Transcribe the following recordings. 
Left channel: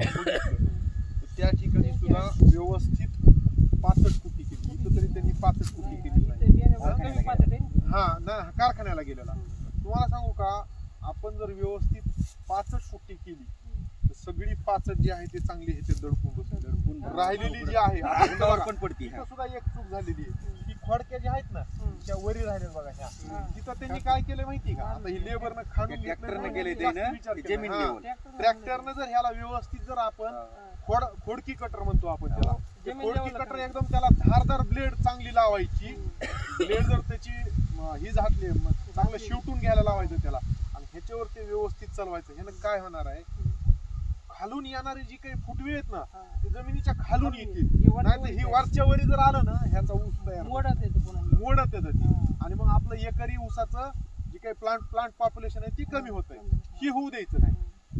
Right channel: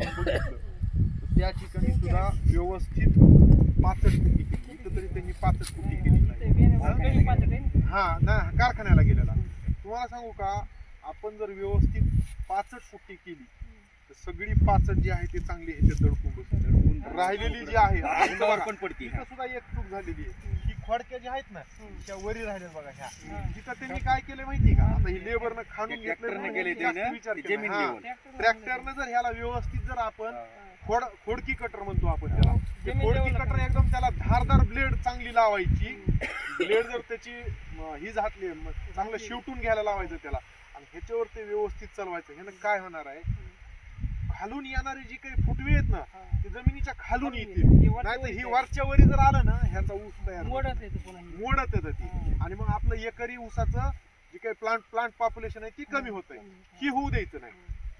आपण बघितलं तर त्या ठिकाणी सुद्धा व्यवस्थित 65 फुटी केली. इथं तरी त्यांनी 65 फुटी केली नाही. हा ना, कारखान्याला गेलेला. तुम्हाला सांगू का, आपण जर व्यवस्थित 65 फुटी केली तर सगळी 65 जी आहे ती चांगली ह्याच्यात दडपून बसली. राहिलेली जी आहे पण पडती. तिथं सुद्धा एक चूक झालेली आहे. ही खोडक्या ज्या आहेत ना त्या वरी राहिल्या बघा ह्या, तिथं त्यांनी काय केलं माहिती का, आता ही लेबरनं खाणून ट्रॅक्टरनं गेले ट्रॅक्टरनं जर ह्याला व्यवस्थित जर आपण खोडकी कटर म्हणतो आपण त्याला, खोडकी कटर एकदम त्याला धारदार ब्लेड चांगली लावायची. ब्लेड जर त्याची ही झाटली चांगलं शिवटून घ्यायला लावायचं त्याला आणि ह्याच्यावर ते व्यवस्थित चालवायचं. ह्यानं काय होणार आहे, खालून येणारे जी काही फुटवे आहेत ना ते जमिनीच्या खालून येतील. नाही तर ही वरच्या वरी जर आलं ना ह्याचा ऊस तयार मोडत येतं ती आणि मग आपलं एकरी ऊसाचं जी काही प्लांट पॉप्युलेशन आहे ती कमी होत आहे. ही होऊ द्यायचं नाही.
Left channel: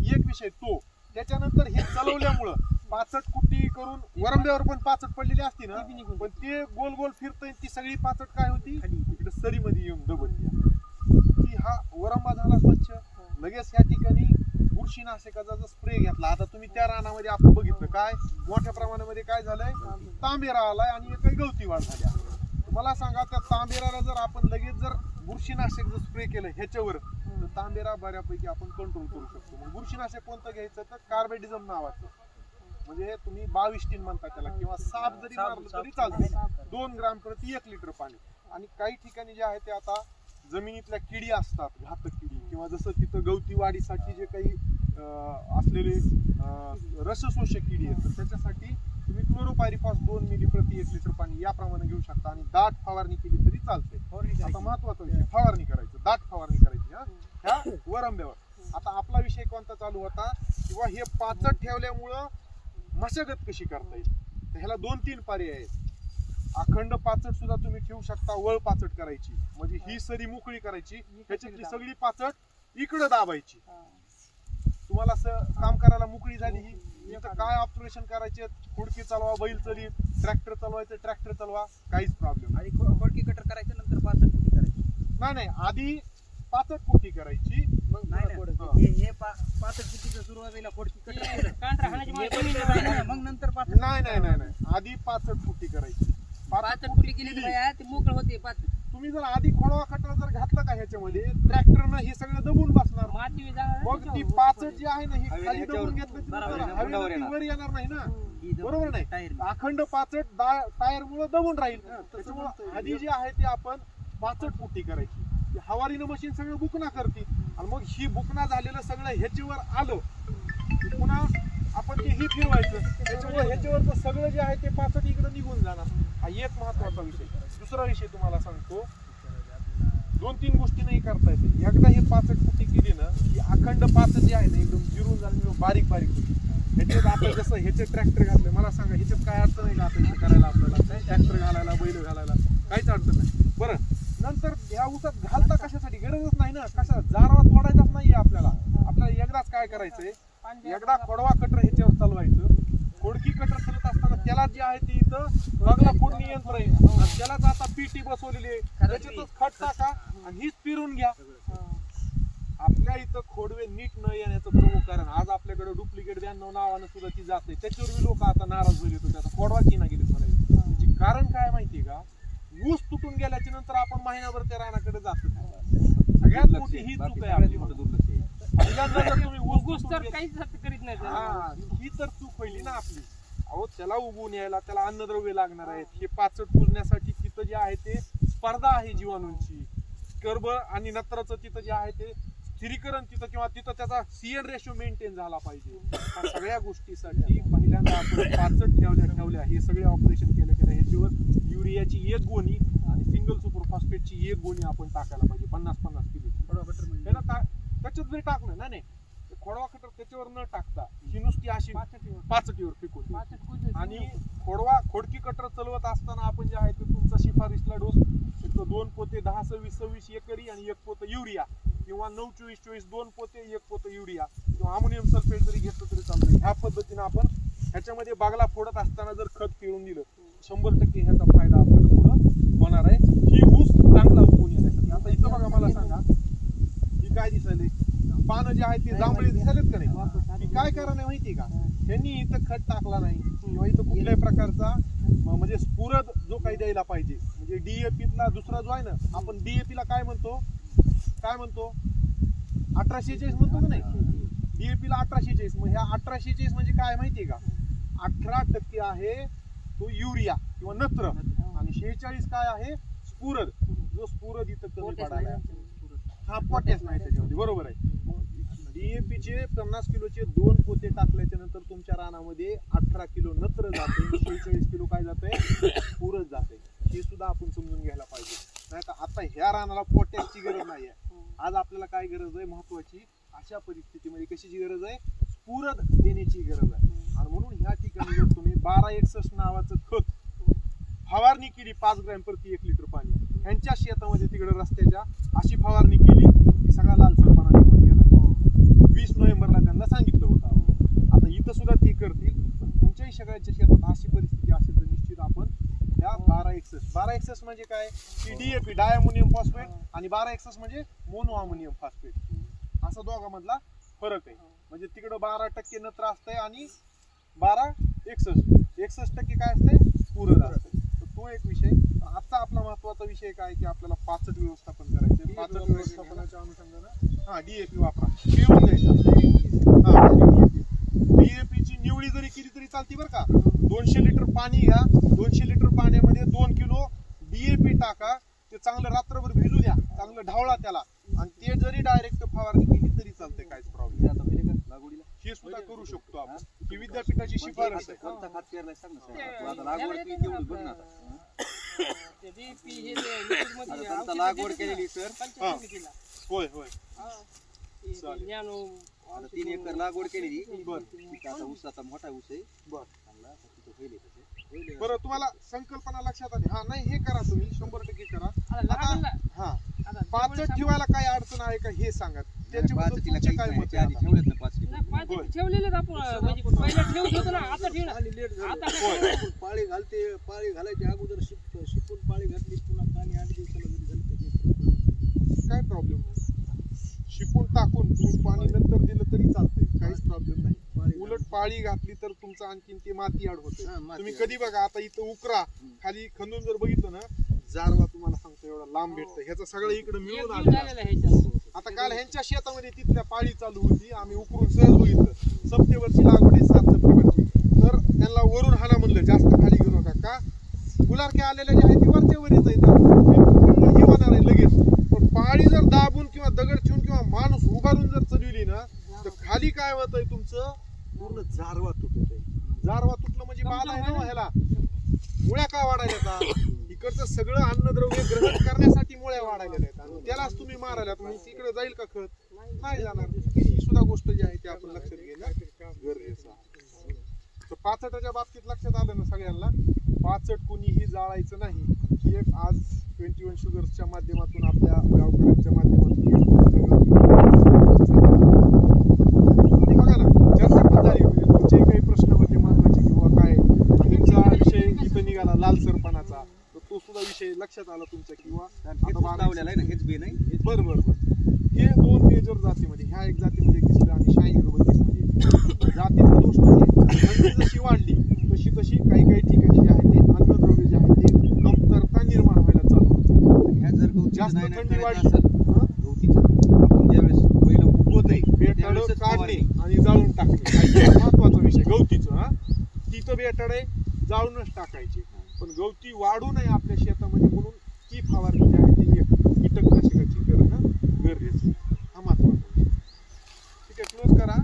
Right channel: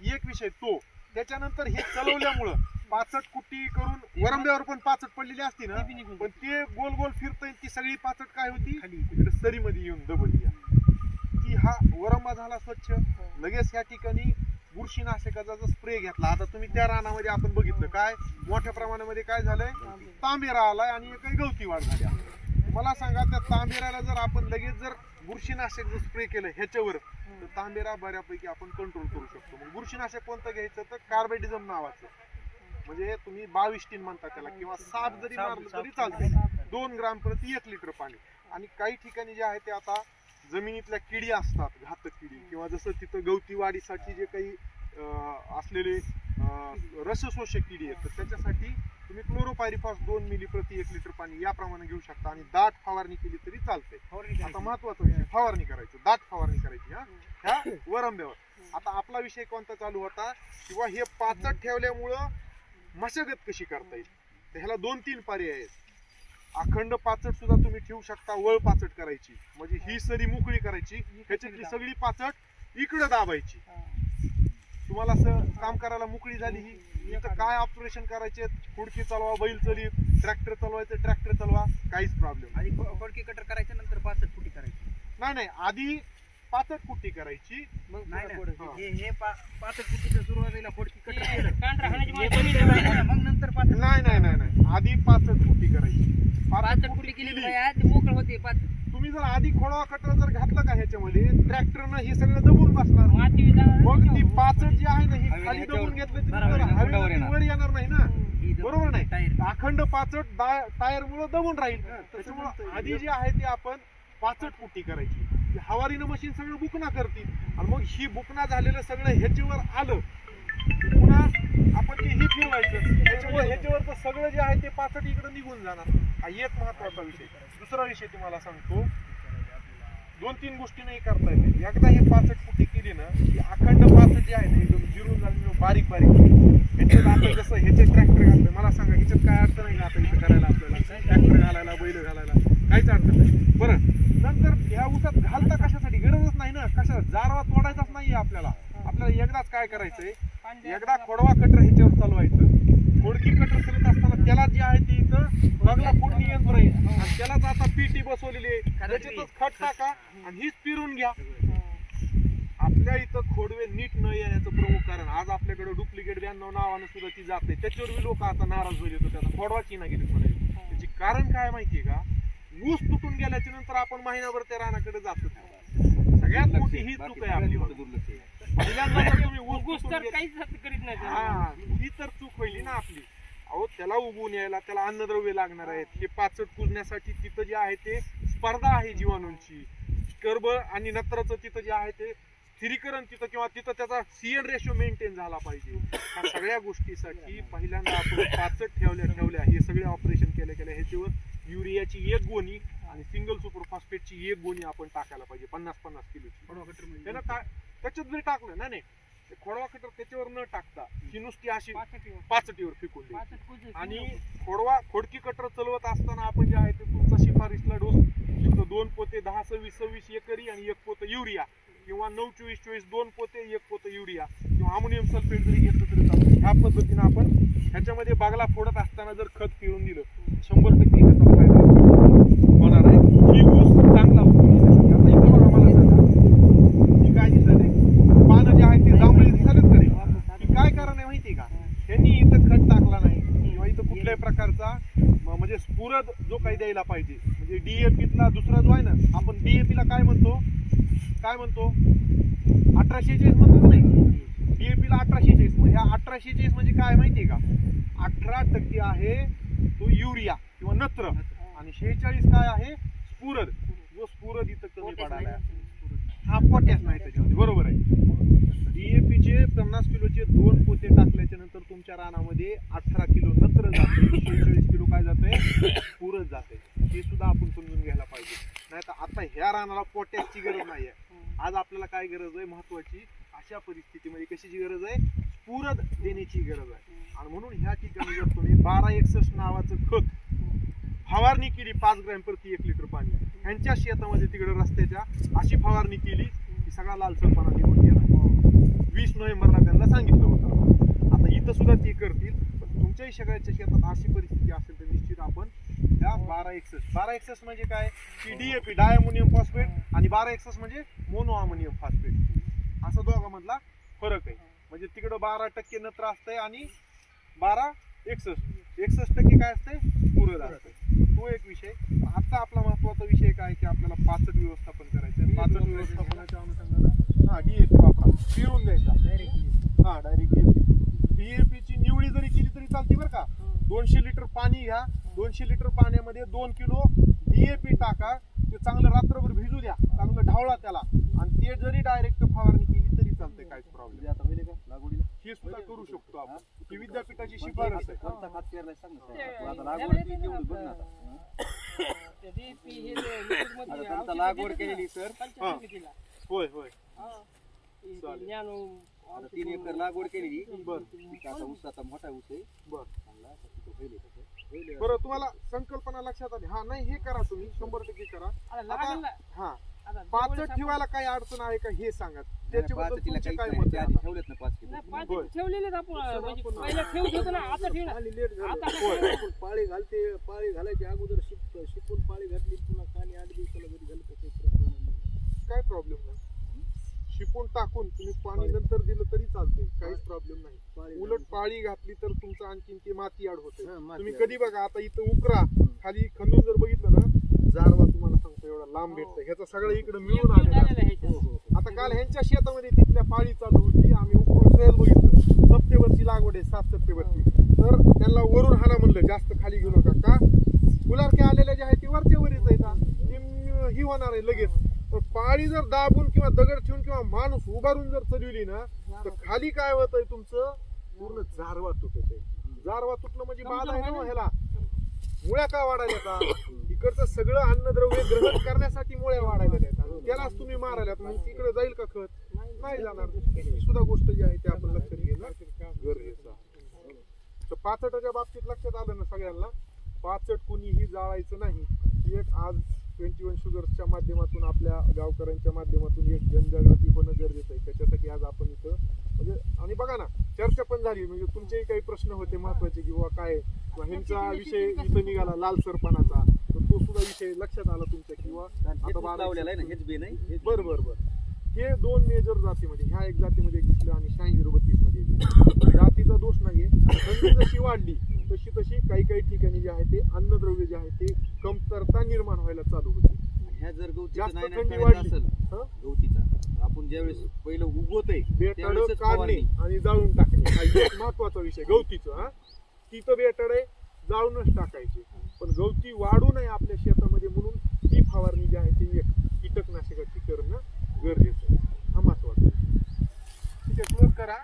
एक विषय तो. त्याच्यानंतर हे चालवल्यामुळं 65 कुट्टी करून वरंब्यावर पण 65 पडलेली असती ना, पण ते गोल गोल फिरतय ती सगळी 65 काय होती इकडे सरीमध्ये येऊन दबली की हा वरंबा झाला स्वच्छ. लगेच ह्या ठिकाणी बुरशीनाशकाचा स्प्रे घेतला. आता तुम्ही त्या रानामध्ये आपण बघितलं काय मोठ्या प्रमाणामध्ये काय झालंय, तांबेरा आलाय आणि काही गवती वाढ झाल्या. मला सांगा त्या तांबेऱ्याला जर आपण लगेच जर बुरशीनाशक जर स्प्रे केलं ह्याच्यावर तर तांबेरा बऱ्यापैकी आपण कंट्रोल करू शकतो. मग बुरशीनाशक कोणतं घ्यायचं तर कार्बेडिझम नावाचं, म्हणजे तुम्ही 22 टीन म्हणता त्याला किंवा 7 जरी मारलं तरी चालते. 2 ग्राम प्रति 1 लिटर पाणी. आणि काही ठिकाणी जे आहे ते आता जमिनीतल्या किडी असतात, घातक किडी, किंवा जसं तिथं गवती वाढीसाठी जे काही असलेले रसशोषक किडी आहेत तर त्याच्यासाठी तुम्ही क्लोरोपायरिफॉस 2 मिली प्रति 1 लिटर पाणी याप्रमाणे घेऊ शकता आणि दाट फवारणी केली तरी चालते. आता महत्वाचं विषय फवारणी करायचं, दाट फवारणी करायची ह्या वरंब्यावर. आता आपला विषय कोणता चालू होता किंवा हे 65 ठेवल्यामुळं मशागत कशी करता येईल, तर ह्याला 2-3 पर्याय आहेत. अखंड 65 सुद्धा तुम्ही ठेवू शकता, वळ 65 करायची म्हणजे ही सरी मोकळी करायची, ह्याच्यातली सगळी 65 इकडे दाबायची. तुम्हाला काम करायला मोकळी झाली. ही इथं काय ऑपरेशन करायचे, खुडकी चालवा, बैल चली, ट्रॅक्टर चालवायचं, ट्रॅक्टर चालवा, काहीच प्रॉब्लेम नाही. खोडकी कटर करायचं नंतर 65 फुटी करायची. नाही आधी 65 फुटी करायची, मग हे 65 फुटीच्या सुरुवातीला खोडकी कटर केलं मग नंतर नाही आधी 65 फुटी करायची. 65 फुटी केली तर ते मोकळ होते. तुम्ही जर आधी खोडवा कटर जर घातला का ह्याच्यामध्ये ट्रॅक्टरनं हे सगळं दबून बसणार. मग ती 65 जी आहे ना ही खाली दबून घेतलं वर येणार नाही ना, बरोबर नाही. अखंड 65 टायर मुळे दबून राहील. त्याच्यामुळे आधी जी आहे ती आपण 65 फुटी करायची. हवारीनं मशीन सगळं बुकना करतील आणि मग ही बुकना झालेलं सगळं ह्याच्यावर आलं पुन्हा आपण ते ही फिरवायचं. त्याच्यामुळे ह्याच्यावर सगळं जे आहे ते 65 इकडे निघून जाणार. हा एक महत्वाचा विषय. दुसरा विषय तुम्हाला सांगतो, 2-3 गोष्टी नाही करता येते. एकदा हे 65 फुटी केली ना की अखंड 65 जे आहे ना एकदम जिरून झाले बारीक ह्याच्यात आपण जसं ह्याचे ट्रॅक्टर घालतोय, मला सांगा ह्याच्यात काय अडचण नाही का आता इथं करायला आपल्याला, ट्रॅक्टर घालायला, बैल घालायला काहीच अडचण नाही. बरं, नंतर ह्या ऊसात घालता कशासाठी, गरजच नाही ना, कशा जारवा तोडायचाच नाहीये आपल्याला. आपल्याला एकदाच काय करायचंय, एकदा खोडवा कटर ह्याच्यावर चालवायचं. खोडकी कटर चालत असताना त्याला जे आहे ते इथं बगला फोडणी यंत्र आहे आणि त्यालाच आता पीटी बसवलेली आहे, त्याच्यातच खत टाका आणि हीच पिरून घ्या. आपल्या इथं खोडवे नीट न येण्याचं प्रमुख कारण आज आपल्याकडे डुप्लिकेट 92 नावानं सुद्धा ती जाते. त्याच्यावर लोक आता नाराज होईल होतो, त्याचा खोडवाची ना गेली म्हणायचं. त्याची कारण काय माहितीये का, ऊस तुटून गेल्याच्या नंतर आपण महिनाभर त्या रानाकडे जातो. सगळ्यात मोठी ही चूक आहे आपली. पहिल्यांदा जर तुम्ही ऊस तर काहीच करीत नाही, ही तर चूक होईल ना आपली. अहो त्याला उगवून यायला त्याला अन्नद्रव्य लागणार आहेत. हे 65 पुजण्यासाठी तिथं जे आहे ते स्पर्धा आहे जीवाणूंची, कर्ब आणि नत्राचं तिथं जे आहे ते स्थिरीकरण तिथं किंवा तिथं त्याचा सीएन रेशो मेंटेन झाला पाहिजे. या सगळ्या गोष्टीसाठी पहिल्यांदा आपण 65 ठेवल्या हे सगळे ऑपरेशन केल्या ह्याच्यावर युरियाची 1 गोणी आणि सिंगल सुपर फॉस्फेटची 1 गोणी आपण टाकायला पाहिजे 50-50 किलोची. त्याच्यात जरी टाकलं नाही खोडवा कटर त्याच्यावर न टाकता ही नुसती अशी 65वर फेकून द्यायची. आणि खोडकी कटर चालवत असताना आपण जे आहे ते तुमचा शिफारसीला डोस तिथं 2 पोते 10-26-26 एकरी आणि 1 पोतं युरिया किंवा 9-24-24 2 पोते 1 पोतं युरिया किंवा अमोनियम सल्फेट जरी घेतलं तरी चालतं. ह्या पद्धतीने आपण ह्याच्यामध्ये बागला फोडत असताना जर खत पिळून दिलं 100% ह्याचा फायदा होणार आहे. ही ऊस चांगला उगवून येण्यासाठी. आता इथं बघा, मला सांगा ही काय दिसत आहे, पानं जे आहेत ते जांभळी दिसलेत का नाही, काय कारण आहे माहिती का, त्यांनी इथं खत टाकला नाही किंवा इथं कुठल्याही प्रकारचा म्हणजे स्फुरद जो काही द्यायला पाहिजे, म्हणजे डीएपीतला दुसरा जो आहे ना, आपण डीएपीला काय म्हणतो 1846 म्हणतो नाही, डीएपीला 1846. मग ह्या 1846 म्हणजे काय माहितीये का, 18% आहे तो युरिया किंवा नत्र आणि 46 काय आहे स्फुरद. जो स्फुरद इथं कमी पडायला, हा पोटॅश नाही त्याच्यामध्ये, बरोबर आहे. डीएपीचे 50 किलोचे 2 पोते टाकल्याच्या नंतर तुमच्या रानामध्ये 18 किलो नत्र जाते, 46 किलो काय जाते स्फुरद जाते. हे सुद्धा आपण समजून घ्यायला पाहिजे. नाही तर आता ह्या रानाला पोटॅशची गरज नाहीये. आज आपल्याला काय गरज आहे महत्वाची, अशा परिस्थितीमध्ये कशाची गरज आहे, स्फुरद देण्याची गरज आहे. आणि म्हणून ह्या ठिकाणी जर तुम्ही 1261 नावाचं खत फवारणी केली 5 ग्रॅम प्रति 1 लिटर पाणी, ह्यांच्या शेतामध्ये तिकडे रस्त्याच्या अशी फवारणी केली की सगळा लालसरपणा निघून गेला. 20 नोव्हेंबरला त्यांना सांगितलं होतं. आता इथं सुद्धा ती करतील, पण तुमच्याही सगळ्याच्या शेतात अशी परिस्थिती असेल तर निश्चित आपण ह्या 1261 म्हणजे काय की डीएपी डायअमोनियम फॉस्फेट आणि 1261 म्हणजे मोनो अमोनियम फॉस्फेट, असा दोघांमधला फरक आहे. म्हणजे तिकडं 12% नत्र असतंय आणि 61% काय असतंय स्फुरद असतंय. तो एक विषय. आता आपला महत्वाचा विषय काय की आपल्याला पाचट व्यवस्थापन करायचं. पाचट व्यवस्थापनाच्या अनुषंगानं डीएपी वापरा, येऊन जायचं. डीएपीची निवडी जरी केली तरी चालते बरं का. 200 लिटर पाणी घ्या, 200 लिटर पाण्यामध्ये 2 किलो डीएपी टाका, ते चांगलं रात्रभर भिजू द्या, चांगलं ढावळा त्याला, आणि ते जरी डायरेक्ट फवारणी केली तरी चालते, काहीच प्रॉब्लेम. आता होईल का लागवडीला हे सुद्धा करू शकतो आपण. ही विद्यापीठाची शिफारस आहे. कोणता खत पेरलाय सांग ना साहेब. आता लागवड ती तेवढी बघ ना. आता आता लागवड केलेली सर. होय आता 3 एकर लागवड केलेली. आता ऊस आता मोठा ऊस आहे. चांगला तिथं होईल तसं. बरं, तुम्हाला संकल्पना लक्षात आली. हा नाही, हे करा तुम्ही 100% करा. हा पाचट ठेवायला काय अडचण आहे का हे सांगा. त्याच्याबद्दल तुमचं काय मत आहे? आधी ठेवलेत ना 5 किलो. ठेवलेले आपण म्हणजे पहिला ठेवत होतो ना, आता ठेवलं. आता पाळी घालायची अगोदर शिकून पाळी घातली, पुन्हा पाणी 8 दिवसाला जरी घालत काय प्रॉब्लेम नाही. शिकून टाकून तुम्ही पाणी नंतर दिलं तरी चालतंय, काहीच प्रॉब्लेम नाही. उलट पाळी घातली तर तुमचं आणखीन ते माती आड होते. तुम्ही कधी बघा, आता इथं उकरा खाली खंदून जर बघितलं ना, जारवा तुम्हाला सांगतो एवढा लांब भेटतं. ह्याचं सगळं इकडे मिळून आलं. आता काल ह्यांच्या शेतामध्ये तिथल्या पाळी चालू होती, आम्ही उकरून सहज बघितलं. सप्टेंबरची लागवड आहे, 7 सप्टेंबरची. तर त्यांना वरून हाना म्हणलं, जास्त खाली घेऊ नका. का फुलारक्या आलेल्या ज्या आहेत ती वरच्या वरीच येतात, हे होणार आहे लगेच. पण पाळी जर दाबून किंवा दगड ठेवून किंवा माणूस उभारून जर चढवली ना, तर खाली काय होतंय तुमचं पूर्ण जारवा तुटत आहे. जारवा तुटलं म्हणजे बाधा आहे ना ह्याला. मुळ्या का वाढायला का, इकडचं सगळं अन्नद्रव्य ग्रहण करण्यासाठी मुळ्या वाढायला आहेत. त्यालाच तुम्ही मारायला, तुम्ही तिकडे जाईल का खत, नाही जाणार. ही सुद्धा गोष्ट जी आहे ती आपण लक्षात घेणं गरजेचं आहे. तर पाचटाच्या बाबतीत लक्षात आलं ना सगळ्यांना, पाचट कुणीही जाळायचं नाही. ही एक आज 21 शुगर्सच्या माध्यमातून आपल्या गावकऱ्यांच्या माध्यमातून आणि बघा ना, चर्चा पण झाली. म्हणजे तुमचेही काही प्रश्न होते महत्वाचे किंवा काय, ह्यांचा विषय इथं निघाला लालसरपणाचा, तर तो सुद्धा विषय लक्षात आला तुमच्या. किंवा आता लावलेला आहे ना, हेच बी नाही. बरं हे 2 मेजर जातीमध्ये, ह्या एक जातीमध्ये दिसलं आणि 86-32 मध्ये जातीचा दोष नाही. थंडी जशी वाढली तशी काही ठिकाणी जे आहे ते अन्नद्रव्य जे आहे ते कमतरता निर्माण व्हायला चालू होते. ह्या जर जास्त गवतीचं थंडी करायचं वाढली, असेल, गवतीचं आपण ज्यावेळेस पहिलं उगवत आहे बेटाडं काढणे आणि जाळून टाकणे महत्वाचा विषय. गवतीचं तिथं बेटाडे जाळूनच टाकायचे, पण गवती वाढू नये आपल्या शेतामध्ये म्हणून ती फवारणी जी आहे ती एक कीटकनाशकाची करणं गरजेचं आहे. हा महत्वाचा विषय. ठीक आहे, क्लोज करा.